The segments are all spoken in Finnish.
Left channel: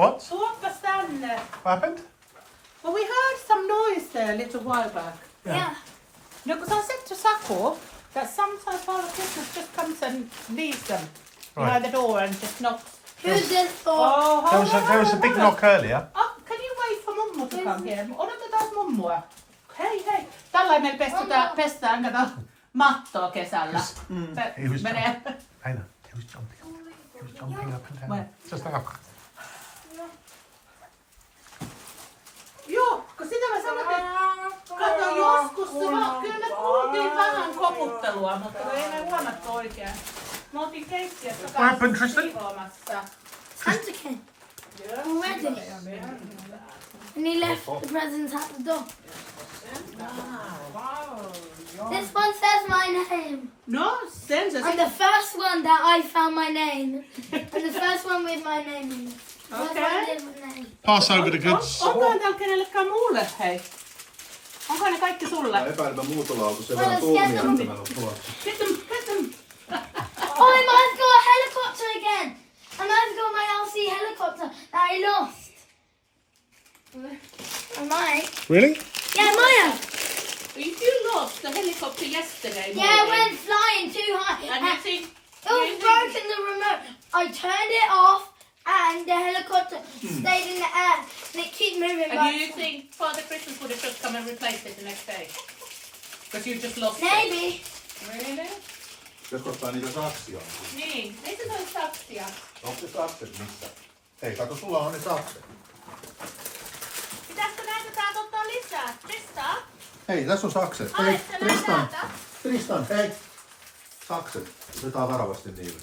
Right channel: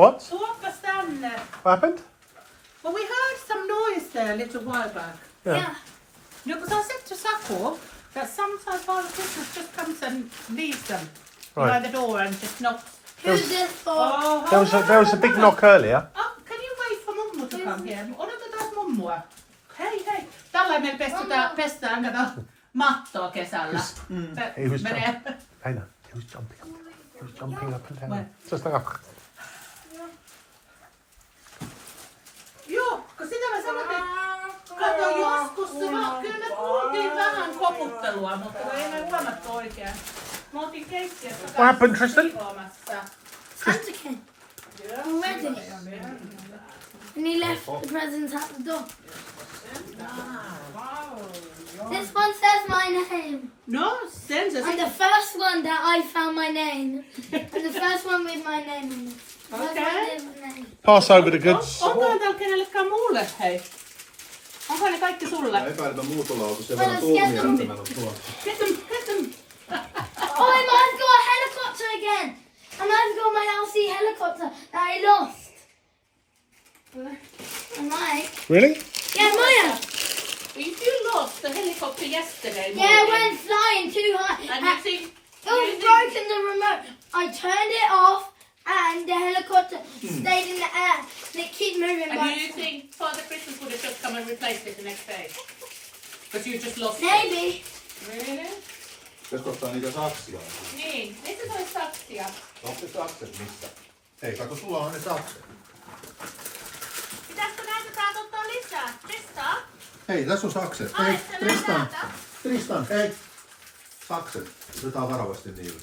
What? Tuoppas tänne. What happened? Well, we heard some noise there a little while back. Yeah. No, because I said to Sako that sometimes Father Christmas just comes and leaves them behind the door and just knocks. Who's this for? Oh, There was a big knock earlier. Oh, can you wait for mummu to come here? Odotetaan mummua. Hei, hei. Tällä meillä pestään kato mattoa kesällä. He was Menee. Hang on, he was jumping. He was jumping up and down. Where? Just like Joo, kun sitä mä sanoin, että kato joskus, kyllä me kuultiin vähän koputtelua, mutta ei me huomattu oikein. Me oltiin keittiössä What happened, Tristan? siivoamassa. Santa came already. And he left the presents at the door. This one says my name. No, sen se And the first one that I found my name. And the first one with my name on it. Okei. pass over the goods. Onkohan täällä kenellekään muulle, hei? Onko ne kaikki sulle? Epäilymä muutolauta, sen verran tuomia, että mä en ole tuolla. Get them. Oh, I might have got a helicopter again. I might have got my RC helicopter that I lost. I might. Really? Yeah, Maya. You lost the helicopter yesterday Yeah, I went flying too high. And you think... It was broken, the remote. I turned it off and the helicopter stayed in the air. And it keeps moving And back. do you think Father Christmas would have just come and replaced it the next day? Because you just lost Maybe. it. Really? Pitäisikö ottaa niitä saksia? Niin, ei se ole saksia. Onko se sakset missä? Hei, kato, sulla on ne sakset. Pitäisikö näitä täältä ottaa lisää? Tristan? Hei, tässä on sakset. Ai, Hei, se Tristan. täältä. Tristan, hei. Sakset. Otetaan varovasti niille.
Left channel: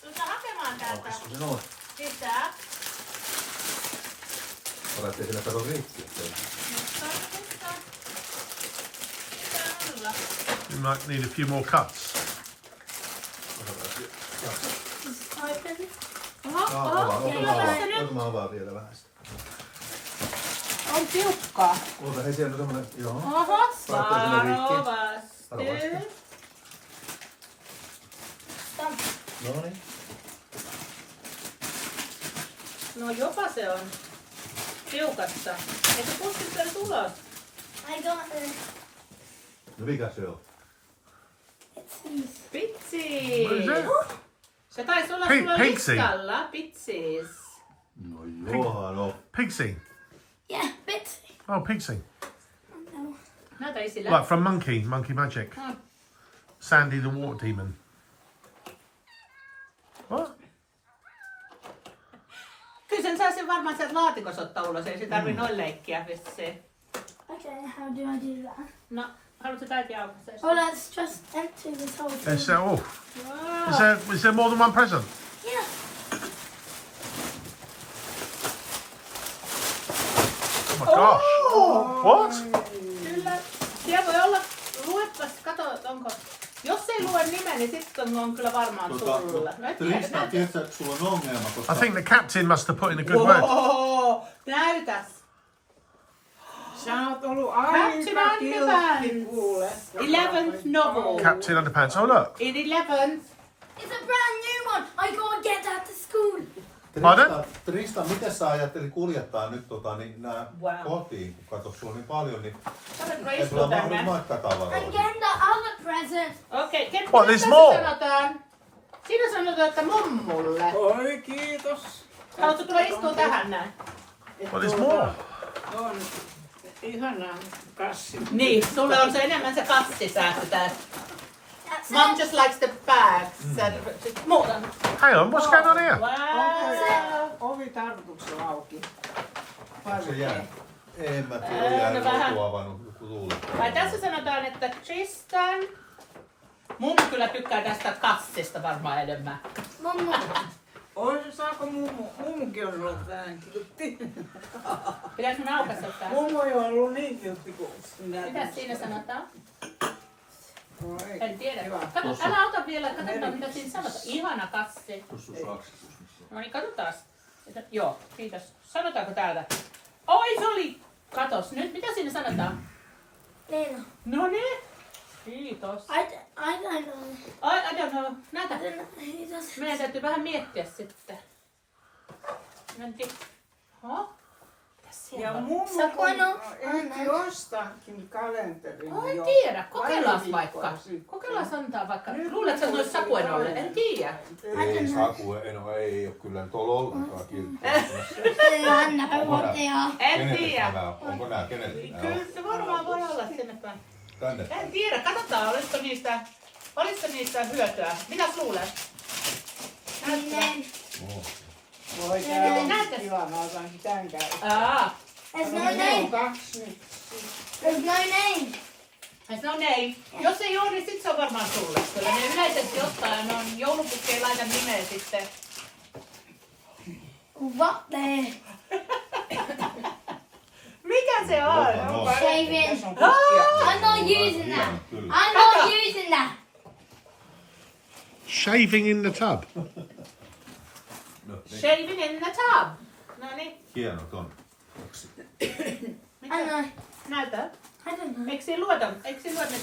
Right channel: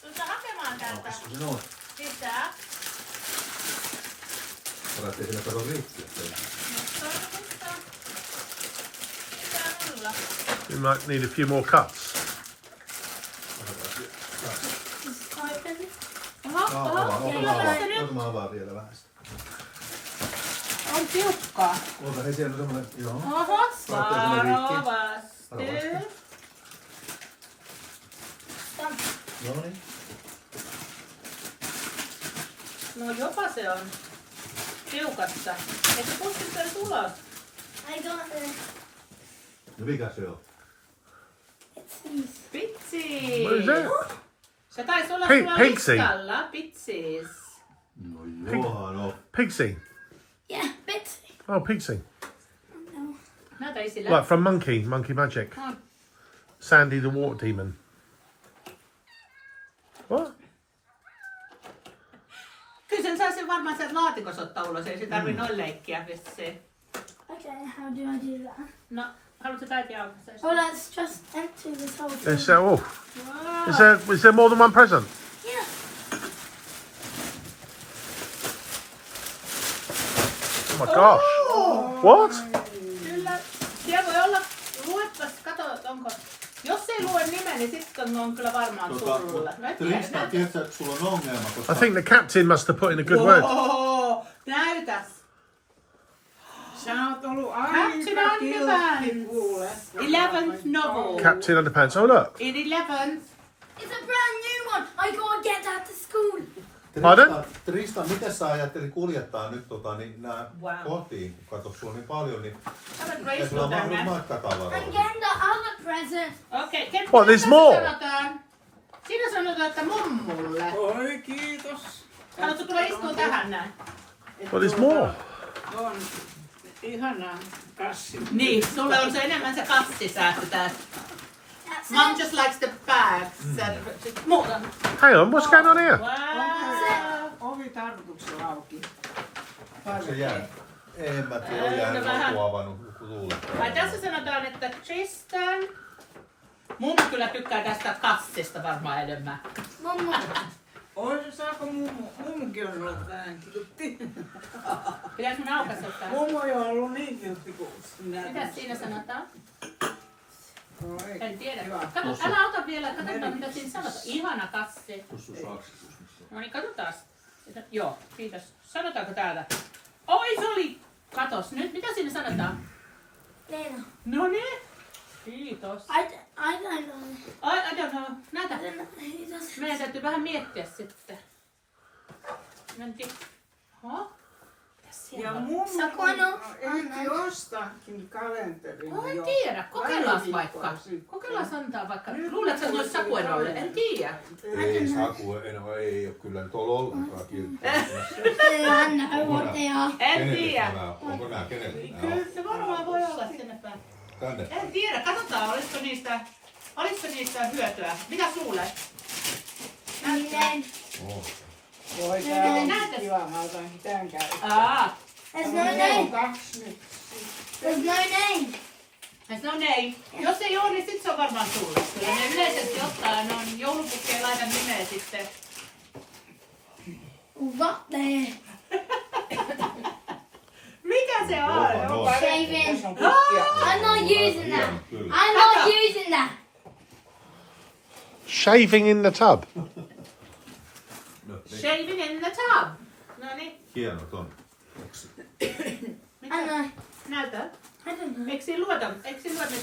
Tuletko hakemaan täältä? Onko se noin? Lisää. Olet, ettei sillä kato rikki. We might need a few more cuts. Otetaan vaan vielä vähän sitä. On tiukkaa. Oota, hei, siellä on semmonen, joo. Oho, Laittaa sinne rikki. varovasti. No niin. No jopa se on tiukassa. Eikö pustit sen ulos? I got the No mikä se on? Pitsi! What is it? Se taisi olla Pink- sulla Pixie. listalla. Pitsis. No johan on. Pigsy. yeah, bits. Oh, Pigsy. No. Näytä isille. Like from Monkey Magic. Oh. Sandy the Water Demon. What? Kyllä sen saisi varmaan sieltä laatikossa ottaa ulos. Ei se tarvii noin leikkiä vissiin. Okay, how do I do that? No, haluatko päiviä aukaista? Oh, let's just empty this whole thing. Is there, oh, Wow. is there more than one present? Yeah. Oh my gosh. What? Kyllä. Siellä voi olla, luepas, kato, onko... Jos ei lue nimen, niin sitten on kyllä varmaan sulle. No et tiedä, Tristan, näytä. tiedätkö, että sulla on ongelma, koska... I think the captain must have put in a good word. Wow, näytäs. Sä oot ollut Captain aika kiltti Underpants. kuule. 11th novel. Captain Underpants. Oh look. In 11th. It's a brand new one. I gotta get that to school. Tristan, miten sä ajattelit kuljettaa nyt nää Wow. kotiin? Kun katso, sulla on niin paljon, niin Kato, ei sulla Grace mahdu tänne. matkatavaroita. I'm getting the other present. Okei, What, there's more? sanotaan? Siinä sanotaan, että mummulle. Oi, kiitos. Haluatko tulla istua tähän näin? Well, there's more. On ihana kassi. Niin, sulle on se enemmän se kassisäästö tää. That's Mum it. just likes the bags. Muuta. Hang on, what's going on here? Wow. Ovi tarkoituksella auki. Onko se jää? En mä tiedä, jäänyt vähän. joku avannut, joku tuuli. Vai tässä sanotaan, että Tristan... Mummu kyllä tykkää tästä kassista varmaan enemmän. Mummo. Oi, saako mummukin on ollut vähän kiltti? Pitäis mun aukaista tää? Mummu ei ole ollut niin kiltti kuin sinä. Mitäs siinä sanotaan? Oi. En tiedä. Hyvä. Kato, älä ota vielä, katsotaan mitä siinä sanotaan. Ihana kassi. Tuossa on saksitus, missä on. No niin, katsotaan. Joo, kiitos. Sanotaanko täältä? Oi, se oli... Katos nyt, mitä siinä sanotaan? Leena. No niin. Kiitos. I don't know. I don't know. Näytä. I don't know. He does. Meidän täytyy vähän miettiä sitten. Menti. Huh? Ja mummu Sakono. ehti ostaakin kalenterin En jo tiedä, pari kokeillaan viikkoa vaikka. sitten. Kokeillaan antaa vaikka. Luuletko, että se olisi Sakuenolle? En tiedä. Ei Saku, ei ole kyllä nyt ollut ollenkaan kilttiä. I know what they are. En Kenelle tiedä. nämä? Onko nämä kenelle nämä Kyllä on? se varmaan voi olla sinne päin. Tänne. En tiedä, katsotaan, olisiko niistä hyötyä. Mitä luulet? Name. Oo. Voi tää on Näytä. kiva, mä otankin tän käyttöön. Aa, There's no Mulla on name. 2 nyt. There's no name. no name. Jos ei ole, niin sit se on varmaan sulle. Kyllä ne yleisesti ottaa, ne on joulupukkeen laitan nimeä sitten. What the? Mikä se on? No. Shaving. Tässä on kukkia. I'm not using that. Kyllä. I'm not using that. Shaving in the tub. No, niin. Shaving in the tub. No niin, Hienot on. I mitä? know. Näytä. I don't know. Eikö siinä lueta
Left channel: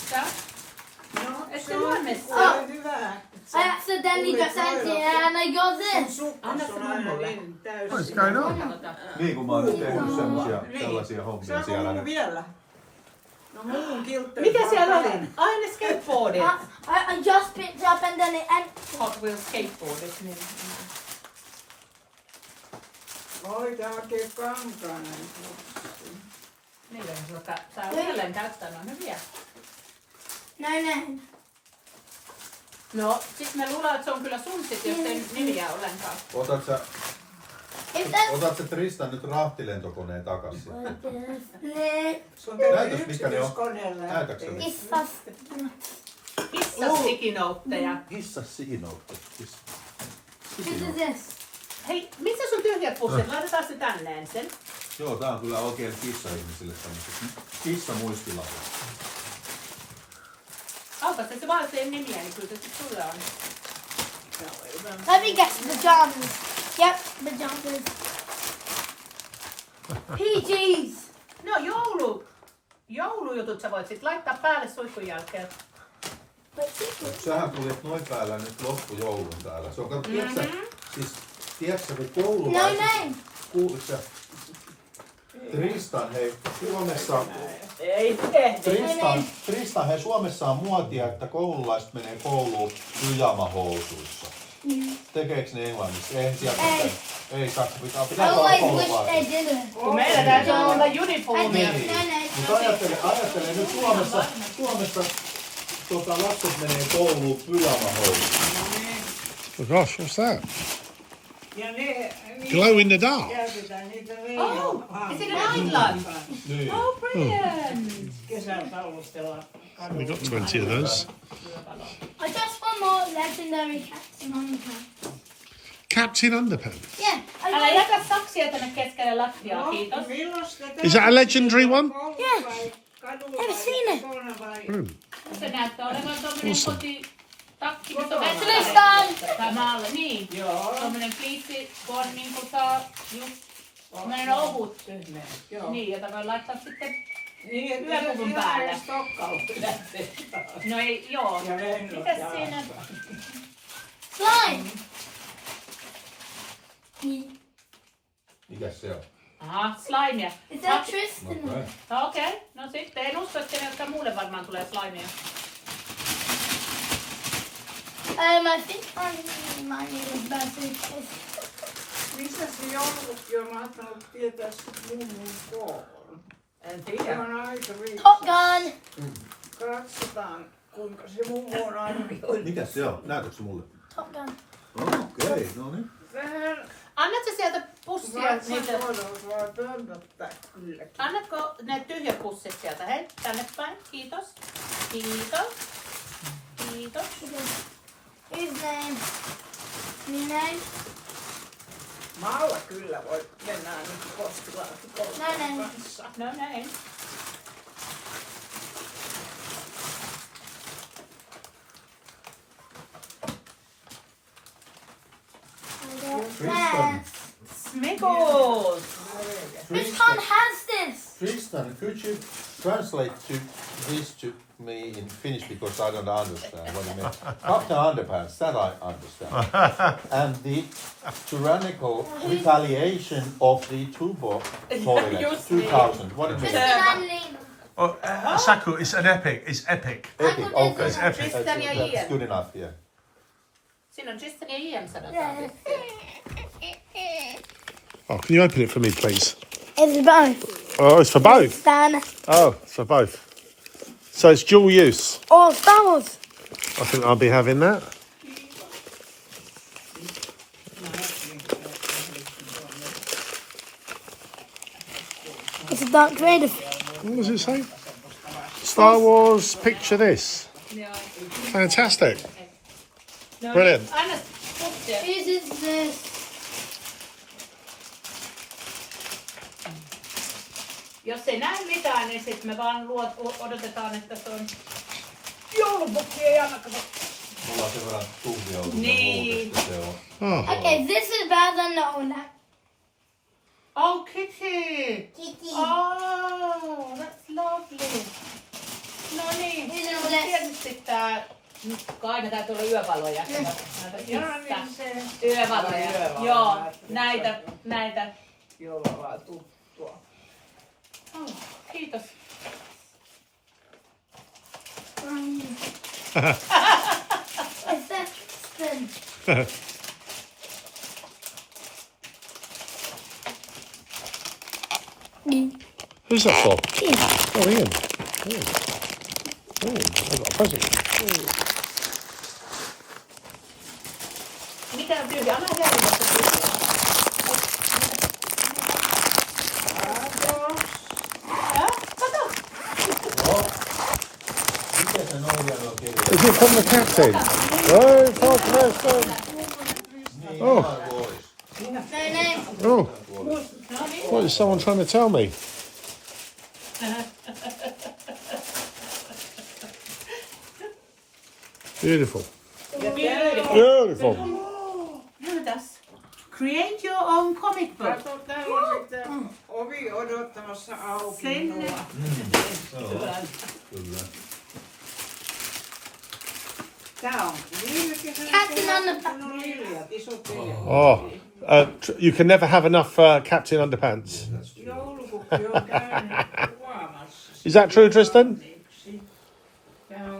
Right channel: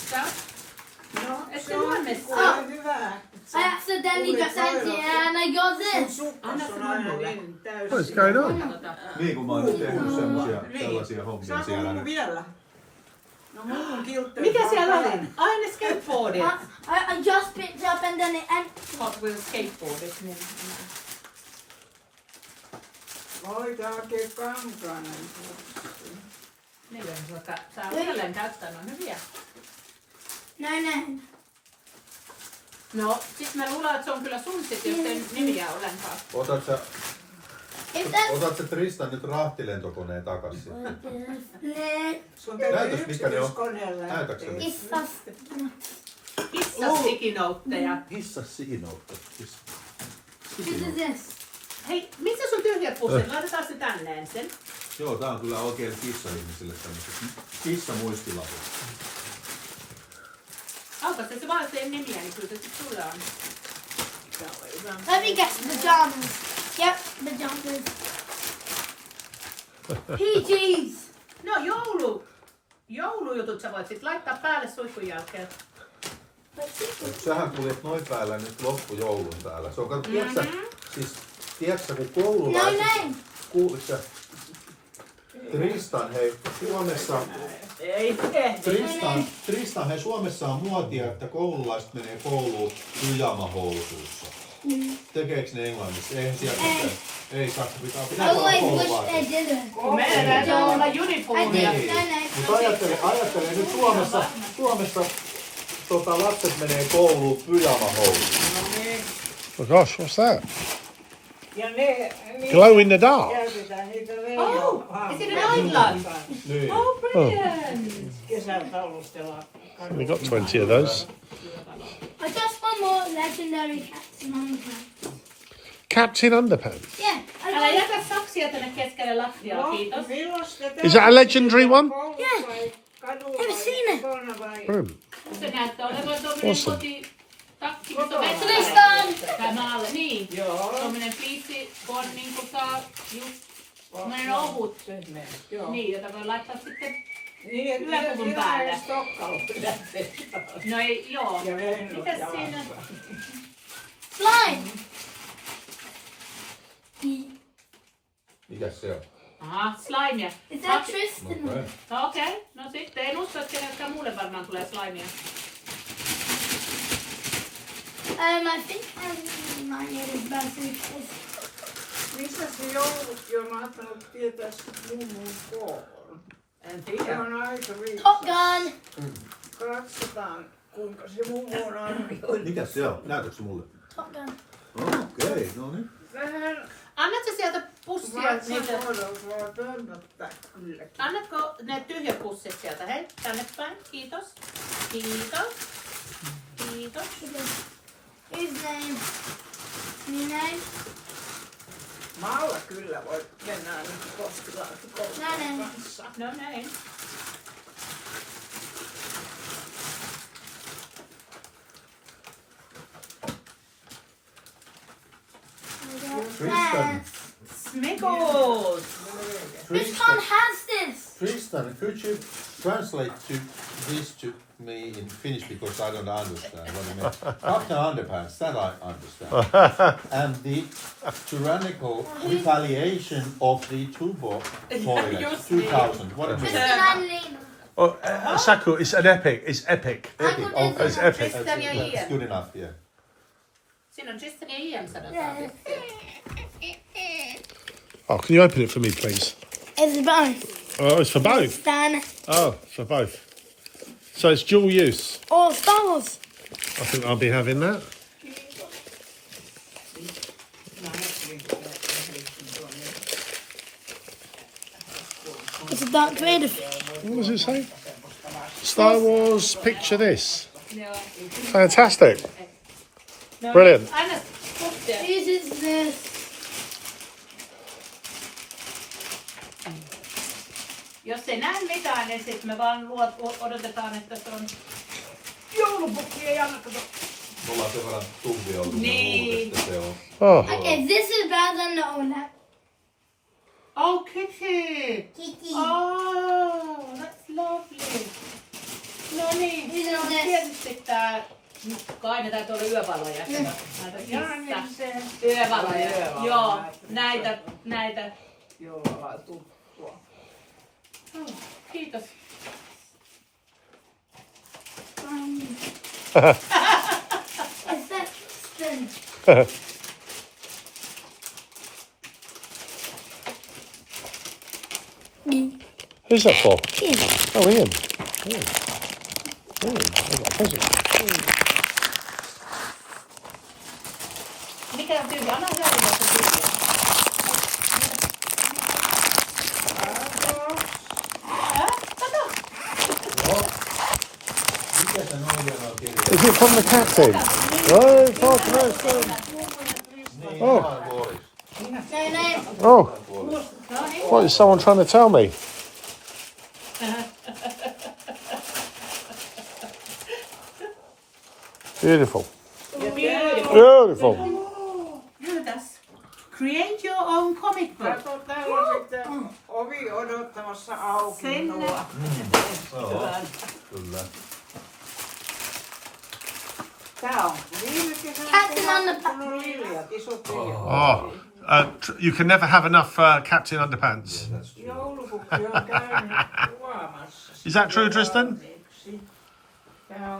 sitä? No, Et se se on luonne. kuule hyvä. I accidentally just emptied it and I got Sun this. sukkas on aina niin What is täysin. going on? Katsotaan. Niin kuin mä oon nyt tehnyt semmosia, Niin. tällaisia hommia Saanko siellä mummu nyt. vielä? No mummun kiltteri. Mikä siellä oli? Aine skateboardit. I just picked up and then it emptied. Hot Wheels skateboardit. Niin. Oi, tää on oikein kankainen. Niillä on saa uudelleen käyttää, ne on hyviä. No name. No, sit mä luulen, että se on kyllä sun sit, jos ei nimiä ollenkaan. If that's Otat se Tristan nyt rahtilentokoneen takas sitten. Sun täytyy Näytäs, mikä ne on. yksityiskoneella Näytäks sä lähteä. nyt? it's us. Kissastikinoutteja. Hissa siinoutta. This is this. Hei, missä sun tyhjät pussit? Laitetaan se tänne ensin. Joo, tää on kyllä oikein kissa-ihmisille tämmöiset kissamuistilaput. Aukas, että se vaan tee nimiä, niin kyllä se sit sulle on. Let me guess. Pajamas. Yep, pajamas. PGs. No joulujutut sä voit sit laittaa päälle suihkun jälkeen. Sähän tulit noin päällä nyt loppujoulun täällä. Se on, kato, tiedätkö, kun koululaiset... No name. Kuulitko sä? Tristan, hei, Suomessa... Ei. Tristan, hei, Suomessa on muotia, että koululaiset menee kouluun pyjamahousuissa. Tekeekö ne Englannissa? Eihän siellä mitään. Ei Saksa, pitää I olla always wish koululaisia. they didn't. Kun meillä täytyy olla uniformia. Niin. No name. Mutta ajattele nyt Suomessa lapset menee kouluun pyjamahousuissa. No niin. Oh gosh, what's that? Ja ne... Glow in the dark. Käytetään niitä Oh, leijoa. is it an island? Niin. Oh, brilliant. Kesällä talustella We got 20 of those. I just want more legendary cats and underpants. Captain Underpants. Yeah, I Älä got jätä saksia tänne keskelle lattiaa, kiitos. Is that a legendary one? Ever seen it? Se näyttää olevan tommonen Awesome. kotitakki. Tristan! Tai maalle, niin. Joo. Tommonen kiitti, kun on niinku saa just tommonen ohut. Joo. Niin, jota voi laittaa sitten. Niin, että Yläpuvun ihan päälle. edes tokkalla pidätte. No ei, joo. Ja lennot Mitäs jalassa. siinä? slime. Mikäs se on? Aha, slimea. Is that Tristan? Okei. Okei, no sitten en usko, että keneltäkään muulle varmaan tulee slimea. I think mine is birthday present. Missä se joulutkin on mahtanut tietää mummun koon? En Se tiedä. on aika Top viisas. Gun. Katsotaan, kuinka se mummu on arvioinut. Mikäs se on? Näytätkö mulle? Top Gun. Okei, no niin. Vähän Annatko sieltä pussia niitä? vatsakohdalla pömpöttää kylläkin. Annatko ne tyhjät pussit sieltä? Hei, tänne päin. Kiitos. Kiitos. Kiitos. His name. New name? Maalla kyllä voi mennä ainakin postilaatikolle No niin. kanssa. No näin. I got Tristan. that. Smigos! Which one has this? Tristan, could you translate this to me in Finnish because I don't understand what it means. Captain Underpants, that I understand. And the tyrannical retaliation of the Tubo toilet, Just 2000. What it means? Tristan and Lena. Oh, Saku, it's an epic. It's epic. Epic, okay. It's epic. That's good enough, yeah. Siinä on Tristan ja Ian sanotaan. Oh, can you open it for me, please? It's both. Oh, it's for both. Stan Oh, it's for both. So it's dual use. or Star Wars. I think I'll be having that. It's a Dark Vader. What does it say? Star Wars, picture this. Fantastic. Brilliant. Anna puhtia. This is this. Jos ei näe mitään, niin sitten me vaan odotetaan, että se on joulupukki ei anna kato. Mulla on sen verran tuhvi ollut Niin. että se on. Oh, Okay, this is better than the old one. Oh, Kitty! Kitty. Oh, that's lovely. No niin, Miten no, se- tietysti tää, nyt kai ne täytyy olla yövaloja. Näitä Joo, mistä? niin se. Yövaloja, joo, näitä. Joulua tuttua. Oh, kiitos. Is that Tristan? who's that for? Ian. Oh, Ian. Oh, I've got a present. Mitä tyyli? Anna lähdettä tyyli. Kato! Mikä se noin on kirja? Is it from the captain? Oh, for Preston. Oh, No, oh. What is someone trying to tell me? Beautiful. Beautiful. Näytäs. Create your own comic book. Kato, täällä on sitten ovi odottamassa auki. Sinne. Noa. Kyllä. Tää on viime kesänä. Captain Underpants. Kun on viljat, isot viljat. Oh, you can never have enough Captain Underpants. Joulupukki on käynyt kuvaamassa. Is that true, Tristan?